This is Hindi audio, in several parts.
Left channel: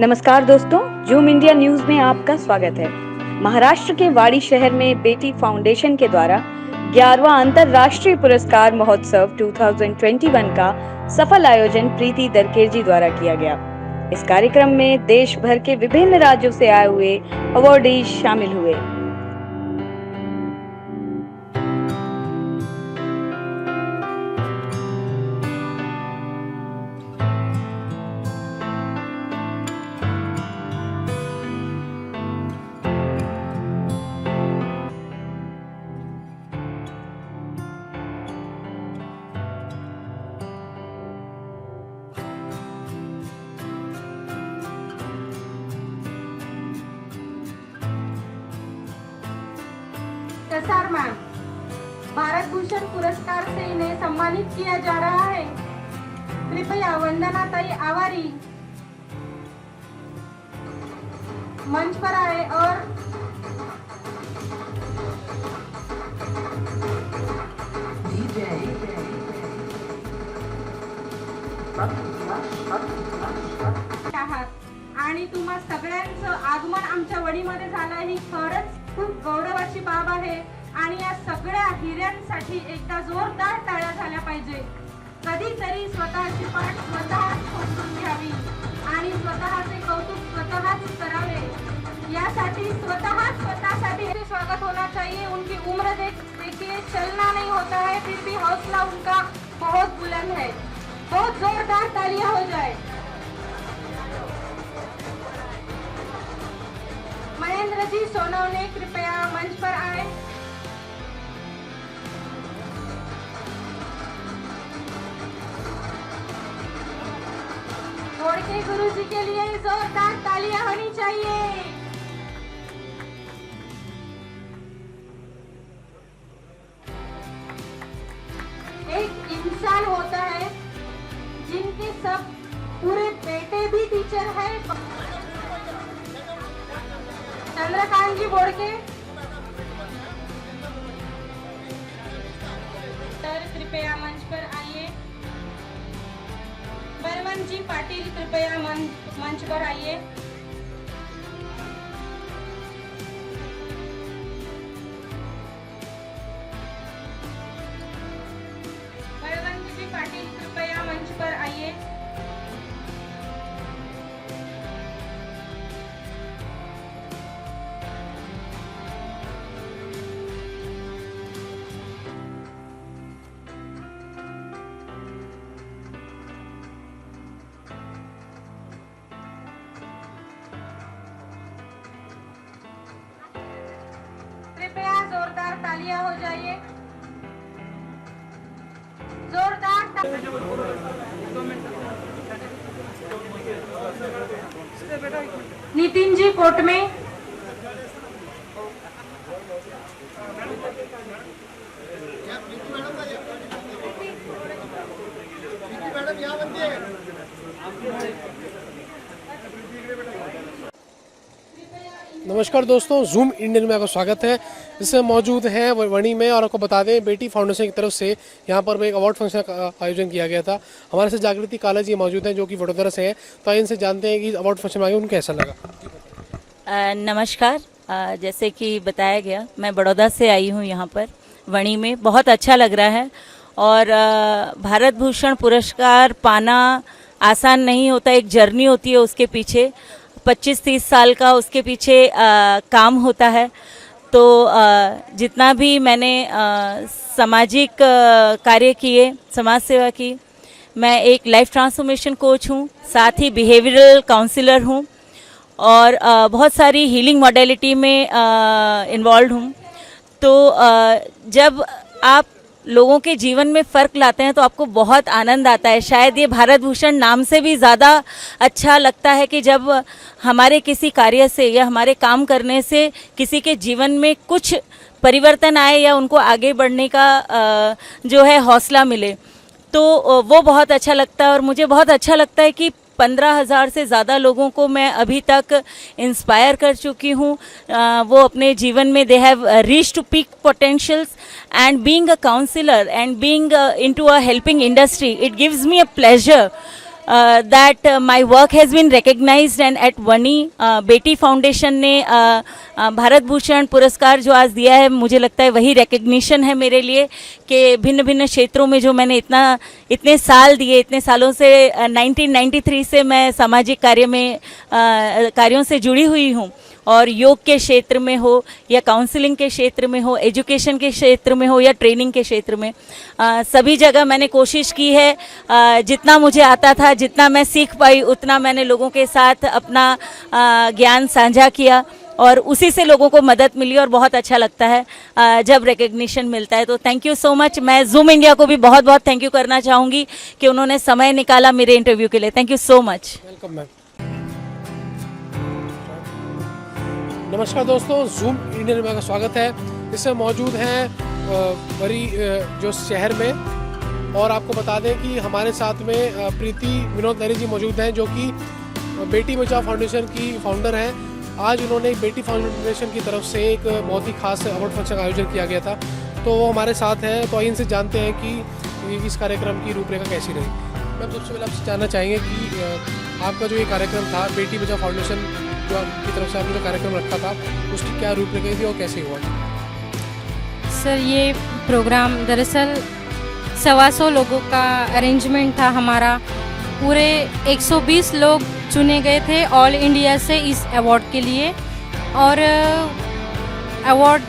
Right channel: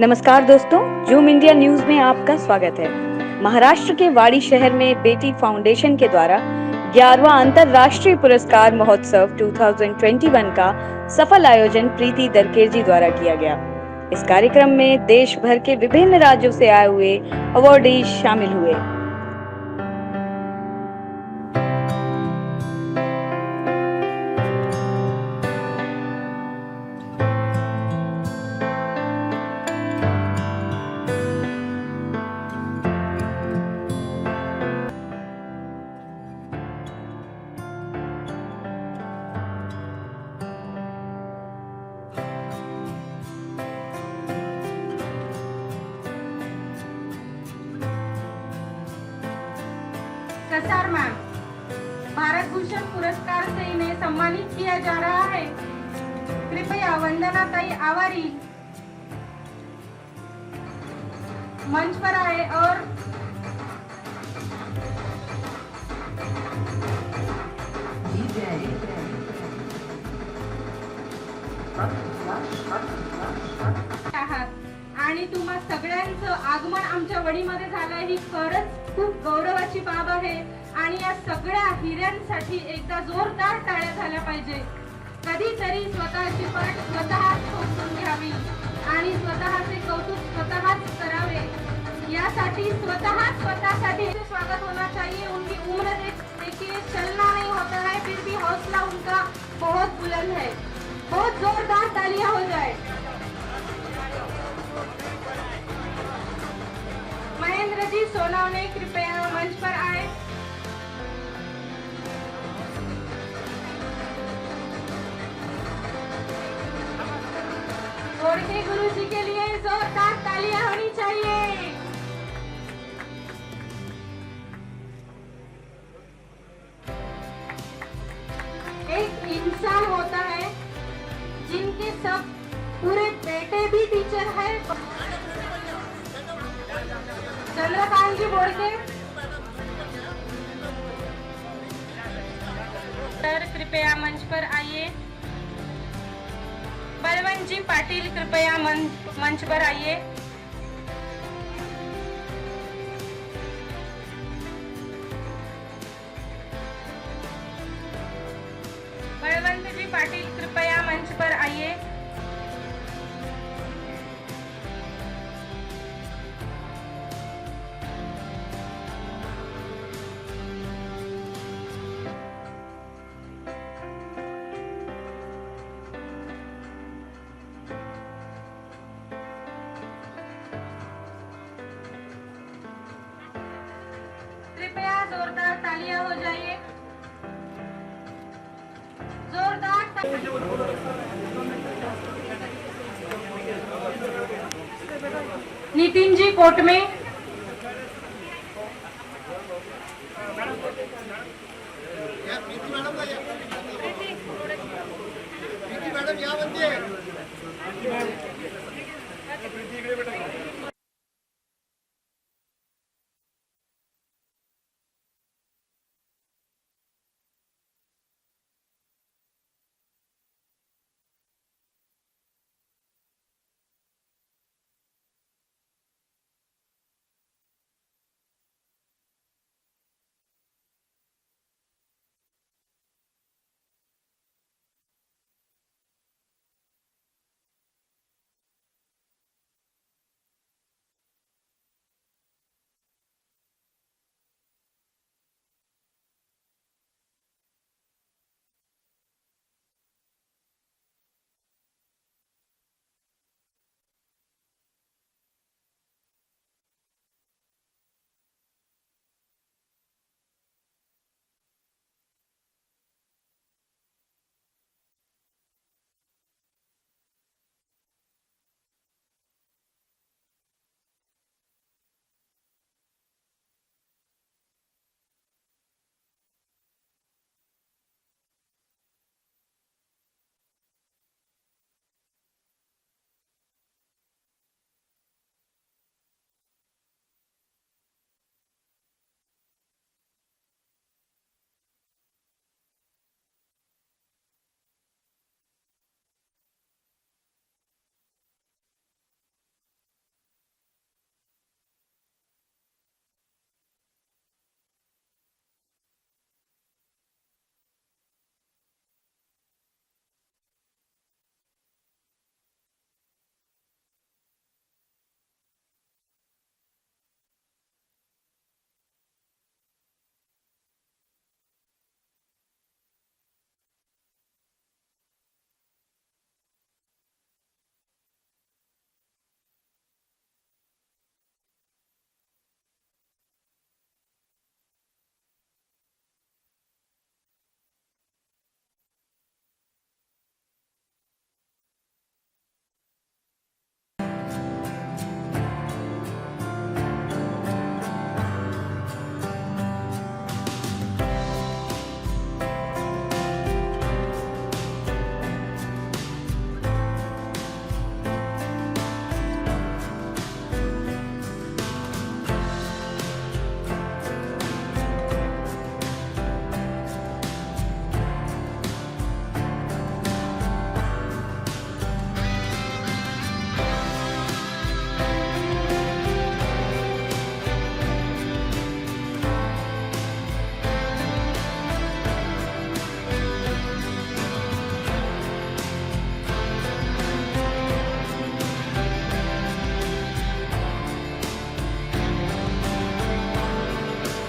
नमस्कार दोस्तों, जूम इंडिया न्यूज में आपका स्वागत है। महाराष्ट्र के वाड़ी शहर में बेटी फाउंडेशन के द्वारा 11वां अंतर्राष्ट्रीय पुरस्कार महोत्सव 2021 का सफल आयोजन प्रीति दरकेजी द्वारा किया गया। इस कार्यक्रम में देश भर के विभिन्न राज्यों से आए हुए अवॉर्डीज शामिल हुए। कसार मैम भारत भूषण पुरस्कार से इन्हें सम्मानित किया जा रहा है। कृपया वंदना ताई आवारी मंच पर आए और आणि तुम्हा सगळ्यांचं आगमन आमच्या वडीमध्ये झालंय ही खरंच खूप गौरवाची बाब आहे आणि या सगळ्या हिऱ्यांसाठी एकदा जोरदार टाळ्या झाल्या पाहिजे। कधीतरी स्वतःची पाठ स्वतःच खोचून घ्यावी आणि स्वतःचे कौतुक स्वतःच करावे। यासाठी स्वतःसाठी स्वागत होना चाहिए। उनकी उम्र देखिए चलना नहीं होता है, फिर भी हौसला उनका बहुत बुलंद है। बहुत जोरदार तालियां हो जाए। महेंद्र जी सोनवणे कृपया मंच पर आए। गोड़के गुरु जी के लिए जोरदार तालियां होनी चाहिए। एक इंसान होता है जिनके सब पूरे बेटे भी टीचर है। चंद्रकांत जी बोड़के सर कृपया मंच पर आइए। बलवंत जी पाटिल कृपया मंच पर आइए। बलवंत जी पाटिल कृपया मंच पर आइए। कृपया जोरदार तालियां हो जाइए। जोरदार नितिन जी कोट में नमस्कार दोस्तों, जूम इंडियन में आपका स्वागत है। इससे मौजूद हैं वणी में और आपको बता दें बेटी फाउंडेशन की तरफ से यहाँ पर एक अवार्ड फंक्शन का आयोजन किया गया था। हमारे साथ जागृति काला जी मौजूद हैं जो कि वडोदरा से हैं। तो इनसे जानते हैं कि अवार्ड फंक्शन में आगे उनको कैसा लगा। नमस्कार। जैसे कि बताया गया, मैं बड़ौदा से आई हूँ यहाँ पर वणी में। बहुत अच्छा लग रहा है और भारत भूषण पुरस्कार पाना आसान नहीं होता। एक जर्नी होती है उसके पीछे, 25-30 साल का उसके पीछे काम होता है। तो जितना भी मैंने सामाजिक कार्य किए, समाज सेवा की, मैं एक लाइफ ट्रांसफॉर्मेशन कोच हूँ, साथ ही बिहेवियरल काउंसलर हूँ और बहुत सारी हीलिंग मॉडलिटी में इन्वॉल्व हूँ। तो जब आप लोगों के जीवन में फ़र्क लाते हैं तो आपको बहुत आनंद आता है। शायद ये भारत भूषण नाम से भी ज़्यादा अच्छा लगता है कि जब हमारे किसी कार्य से या हमारे काम करने से किसी के जीवन में कुछ परिवर्तन आए या उनको आगे बढ़ने का जो है हौसला मिले, तो वो बहुत अच्छा लगता है। और मुझे बहुत अच्छा लगता है कि 15,000 से ज़्यादा लोगों को मैं अभी तक इंस्पायर कर चुकी हूँ। वो अपने जीवन में they have reach to peak potentials and being a counsellor and being into a helping industry, it gives me a pleasure that my work has been recognized, and at वनी बेटी फाउंडेशन ने भारत भूषण पुरस्कार जो आज दिया है, मुझे लगता है वही रिकग्निशन है मेरे लिए कि भिन्न भिन्न क्षेत्रों में जो मैंने इतने साल दिए, इतने सालों से 1993 से मैं सामाजिक कार्यों से जुड़ी हुई हूँ, और योग के क्षेत्र में हो या काउंसलिंग के क्षेत्र में हो, एजुकेशन के क्षेत्र में हो या ट्रेनिंग के क्षेत्र में, सभी जगह मैंने कोशिश की है। जितना मुझे आता था, जितना मैं सीख पाई, उतना मैंने लोगों के साथ अपना ज्ञान साझा किया, और उसी से लोगों को मदद मिली, और बहुत अच्छा लगता है जब रिकग्निशन मिलता है। तो थैंक यू सो मच। मैं जूम इंडिया को भी बहुत बहुत थैंक यू करना चाहूँगी कि उन्होंने समय निकाला मेरे इंटरव्यू के लिए। Thank you so much. Welcome ma'am. नमस्कार दोस्तों, जूम इंडियन में आपका स्वागत है। इसमें मौजूद हैं वरी जो शहर में, और आपको बता दें कि हमारे साथ में प्रीति विनोद नहरी जी मौजूद हैं, जो कि बेटी बचाओ फाउंडेशन की फाउंडर हैं। आज उन्होंने बेटी फाउंडेशन की तरफ से एक बहुत ही खास अवार्ड फंक्शन का आयोजन किया गया था, तो वो हमारे साथ हैं। तो इनसे जानते हैं कि इस कार्यक्रम की रूपरेखा कैसी रही। मैम, सबसे पहले आपसे जानना चाहेंगे कि आपका जो ये कार्यक्रम था, बेटी बचाओ फाउंडेशन की तरफ से आपने कार्यक्रम रखा था, उसकी क्या रूपरेखा थी और कैसे हुआ? सर, ये प्रोग्राम दरअसल 125 लोगों का अरेंजमेंट था हमारा। पूरे 120 लोग चुने गए थे ऑल इंडिया से इस अवार्ड के लिए, और अवार्ड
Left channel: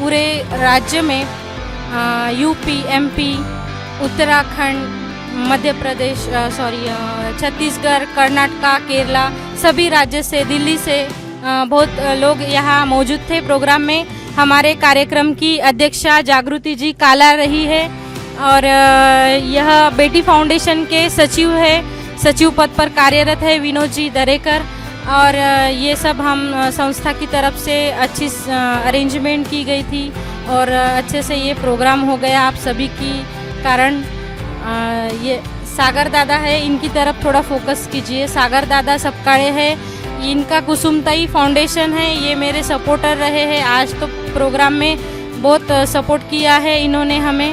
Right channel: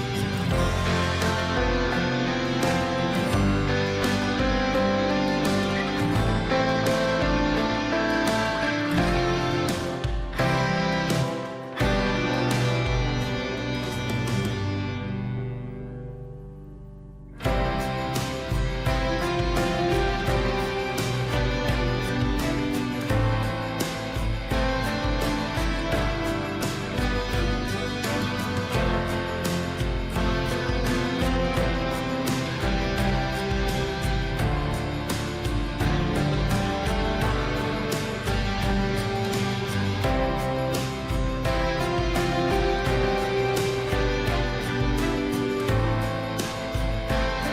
पूरे राज्य में यूपी, एमपी, उत्तराखंड, मध्य प्रदेश, छत्तीसगढ़, कर्नाटका, केरला, सभी राज्य से, दिल्ली से बहुत लोग यहाँ मौजूद थे प्रोग्राम में। हमारे कार्यक्रम की अध्यक्षा जागृति जी काला रही है, और यह बेटी फाउंडेशन के सचिव है, सचिव पद पर कार्यरत है विनोद जी दरेकर। और ये सब हम संस्था की तरफ से अच्छी अरेंजमेंट की गई थी, और अच्छे से ये प्रोग्राम हो गया आप सभी की कारण। ये सागर दादा है, इनकी तरफ थोड़ा फोकस कीजिए। सागर दादा सबकाड़े है, इनका कुसुमताई फाउंडेशन है, ये मेरे सपोर्टर रहे हैं। आज तो प्रोग्राम में बहुत सपोर्ट किया है इन्होंने हमें,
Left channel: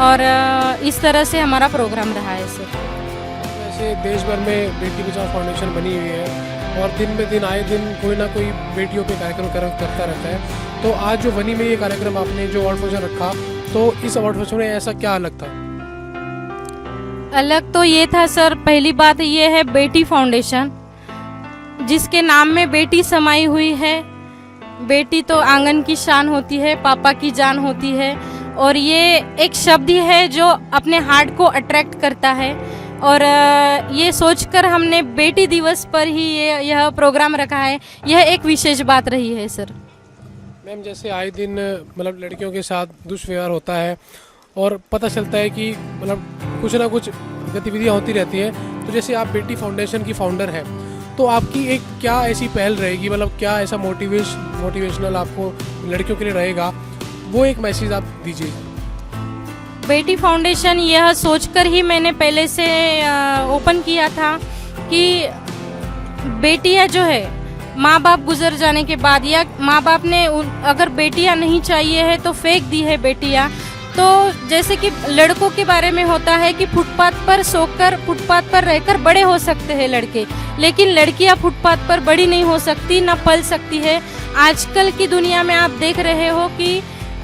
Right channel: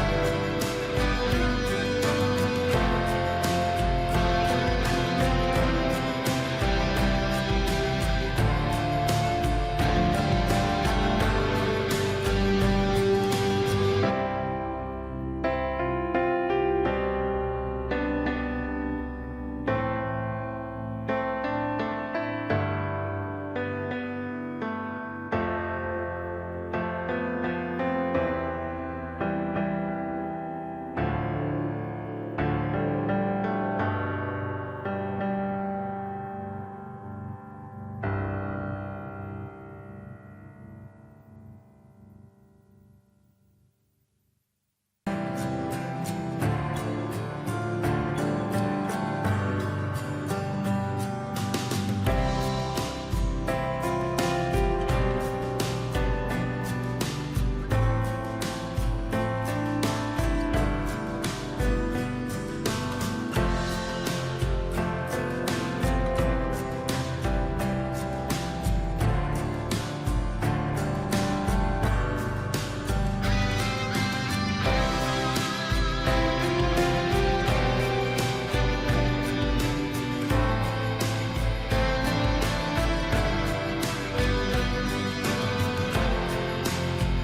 और इस तरह से हमारा प्रोग्राम रहा है। जैसे देश भर में बेटी बचाओ फाउंडेशन बनी हुई है, और दिन में दिन आए दिन कोई ना कोई बेटियों के कार्यक्रम करता रहता है। तो आज जो बनी में ये कार्यक्रम आपने जो अवार्ड फंक्शन रखा, तो इस अवार्ड फंक्शन में ऐसा क्या अलग था? अलग तो ये था सर, पहली बात ये है बेटी फाउंडेशन, जिसके नाम में बेटी समाई हुई है। बेटी तो आंगन की शान होती है, पापा की जान होती है, और ये एक शब्द ही है जो अपने हार्ट को अट्रैक्ट करता है। और ये सोचकर हमने बेटी दिवस पर ही यह प्रोग्राम रखा है। यह एक विशेष बात रही है सर। मैम, जैसे आए दिन मतलब लड़कियों के साथ दुष्व्यवहार होता है, और पता चलता है कि मतलब कुछ ना कुछ गतिविधियाँ होती रहती हैं। तो जैसे आप बेटी फाउंडेशन की फाउंडर हैं, तो आपकी एक क्या ऐसी पहल रहेगी, मतलब क्या ऐसा मोटिवेशनल आपको लड़कियों के लिए रहेगा, वो एक मैसेज आप दीजिए। बेटी फाउंडेशन यह सोचकर ही मैंने पहले से ओपन किया था कि बेटियां जो है, माँ बाप गुजर जाने के बाद, या माँ बाप ने अगर बेटियां नहीं चाहिए है तो फेंक दी है बेटियां। तो जैसे कि लड़कों के बारे में होता है कि फुटपाथ पर सोकर, फुटपाथ पर रहकर बड़े हो सकते हैं लड़के, लेकिन लड़कियां फुटपाथ पर बड़ी नहीं हो सकती, न पल सकती है। आजकल की दुनिया में आप देख रहे हो कि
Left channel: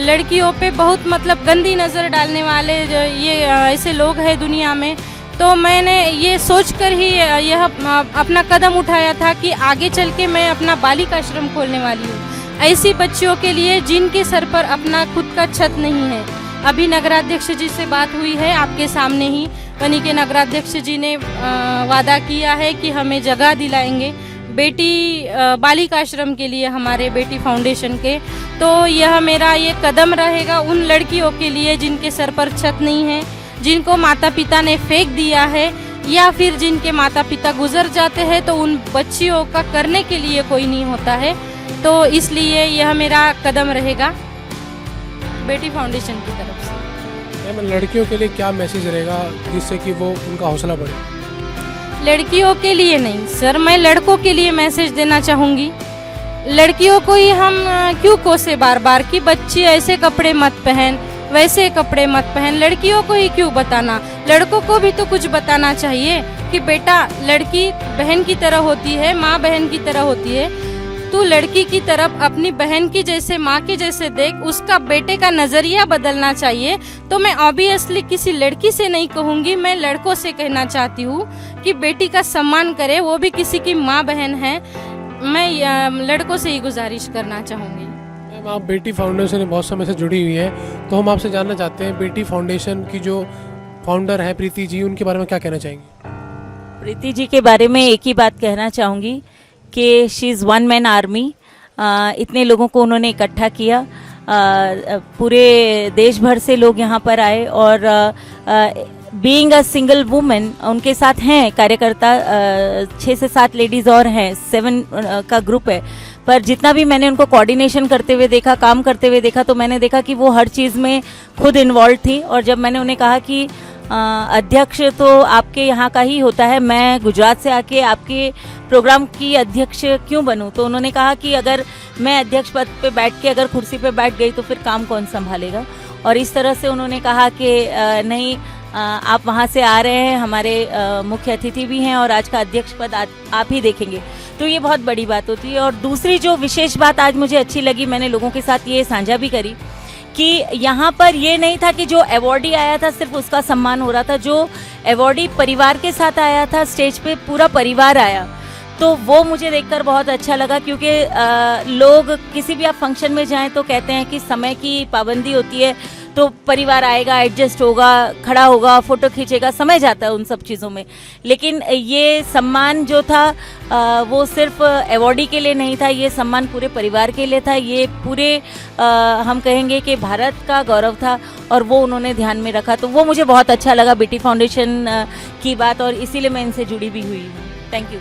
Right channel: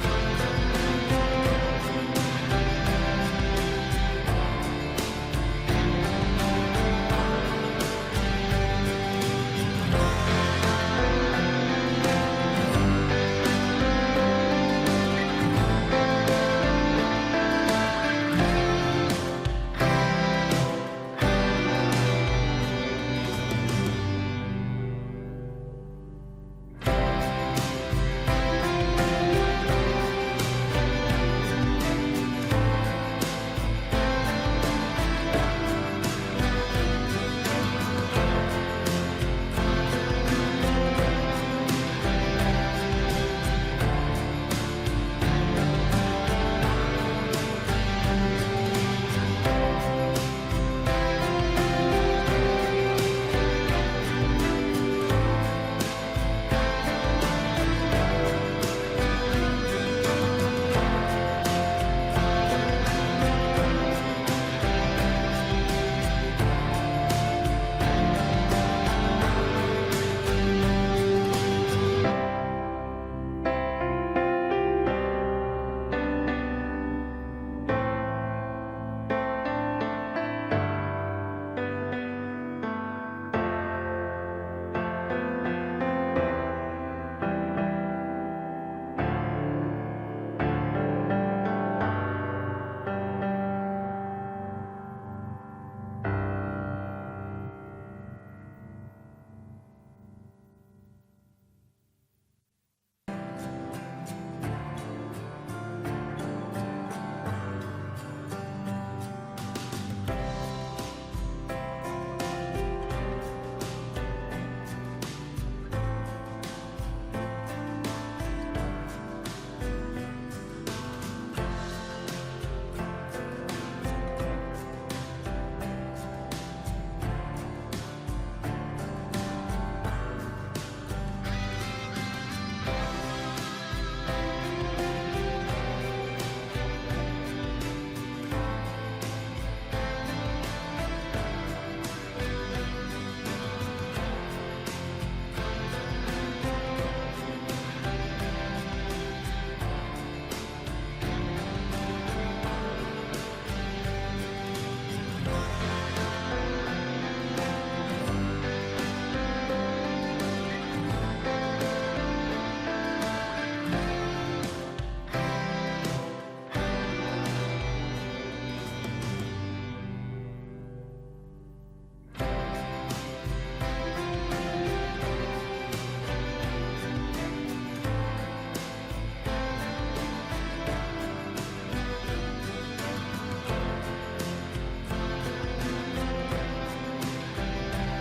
लड़कियों पे बहुत मतलब गंदी नज़र डालने वाले ये ऐसे लोग हैं दुनिया में। तो मैंने ये सोचकर ही यह अपना कदम उठाया था कि आगे चल के मैं अपना बालिकाश्रम खोलने वाली हूँ, ऐसी बच्चियों के लिए जिनके सर पर अपना खुद का छत नहीं है। अभी नगराध्यक्ष जी से बात हुई है आपके सामने ही, वनी के नगराध्यक्ष जी ने वादा किया है कि हमें जगह दिलाएंगे बेटी बालिकाश्रम के लिए, हमारे बेटी फाउंडेशन के। तो यह मेरा ये कदम रहेगा उन लड़कियों के लिए जिनके सर पर छत नहीं है, जिनको माता पिता ने फेंक दिया है, या फिर जिनके माता पिता गुजर जाते हैं, तो उन बच्चियों का करने के लिए कोई नहीं होता है। तो इसलिए यह मेरा कदम रहेगा बेटी फाउंडेशन की तरफ से। लड़कियों के लिए क्या मैसेज रहेगा जिससे कि वो उनका हौसला बढ़े? लड़कियों के लिए नहीं सर, मैं लड़कों के लिए मैसेज देना चाहूँगी। लड़कियों को ही हम क्यों कोसे बार बार कि बच्ची ऐसे कपड़े मत पहन, वैसे कपड़े मत पहन। लड़कियों को ही क्यों बताना, लड़कों को भी तो कुछ बताना चाहिए कि बेटा लड़की बहन की तरह होती है, माँ बहन की तरह होती है। तू लड़की की तरफ अपनी बहन की जैसे, माँ की जैसे देख, उसका बेटे का नजरिया बदलना चाहिए। तो मैं ऑब्वियसली किसी लड़की से नहीं कहूँगी, मैं लड़कों से कहना चाहती हूँ कि बेटी का सम्मान करे, वो भी किसी की माँ बहन है। मैं लड़कों से ही गुजारिश करना चाहूँगी। मैम, आप बेटी फाउंडेशन से बहुत समय से जुड़ी हुई है, तो हम आपसे जानना चाहते हैं बेटी फाउंडेशन की जो फाउंडर है प्रीति जी, उनके बारे में क्या कहना चाहेंगे? प्रीति जी के बारे में एक ही बात कहना चाहूँगी कि she is one man army. इतने लोगों को उन्होंने इकट्ठा किया, पूरे देश भर से लोग यहाँ पर आए और बीइंग अ सिंगल वुमेन उनके साथ हैं कार्यकर्ता 6 से 7 लेडीज और हैं, 7 का ग्रुप है। पर जितना भी मैंने उनको कोऑर्डिनेशन करते हुए देखा, काम करते हुए देखा, तो मैंने देखा कि वो हर चीज़ में खुद इन्वॉल्व थी। और जब मैंने उन्हें कहा कि अध्यक्ष तो आपके यहाँ का ही होता है, मैं गुजरात से आके आपके प्रोग्राम की अध्यक्ष क्यों बनूं, तो उन्होंने कहा कि अगर मैं अध्यक्ष पद पे बैठ के अगर कुर्सी पे बैठ गई तो फिर काम कौन संभालेगा। और इस तरह से उन्होंने कहा कि नहीं, आप वहाँ से आ रहे हैं, हमारे मुख्य अतिथि भी हैं और आज का अध्यक्ष पद आप ही देखेंगे, तो ये बहुत बड़ी बात होती है। और दूसरी जो विशेष बात आज मुझे अच्छी लगी, मैंने लोगों के साथ ये साझा भी करी कि यहाँ पर ये नहीं था कि जो अवॉर्डी आया था सिर्फ उसका सम्मान हो रहा था, जो अवॉर्डी परिवार के साथ आया था, स्टेज पे पूरा परिवार आया, तो वो मुझे देखकर बहुत अच्छा लगा। क्योंकि लोग किसी भी आप फंक्शन में जाएं तो कहते हैं कि समय की पाबंदी होती है, तो परिवार आएगा, एडजस्ट होगा, खड़ा होगा, फोटो खींचेगा, समय जाता है उन सब चीज़ों में। लेकिन ये सम्मान जो था वो सिर्फ अवॉर्डी के लिए नहीं था, ये सम्मान पूरे परिवार के लिए था, ये पूरे हम कहेंगे कि भारत का गौरव था और वो उन्होंने ध्यान में रखा। तो वो मुझे बहुत अच्छा लगा बेटी फाउंडेशन की बात, और इसीलिए मैं इनसे जुड़ी भी हुई। Thank you.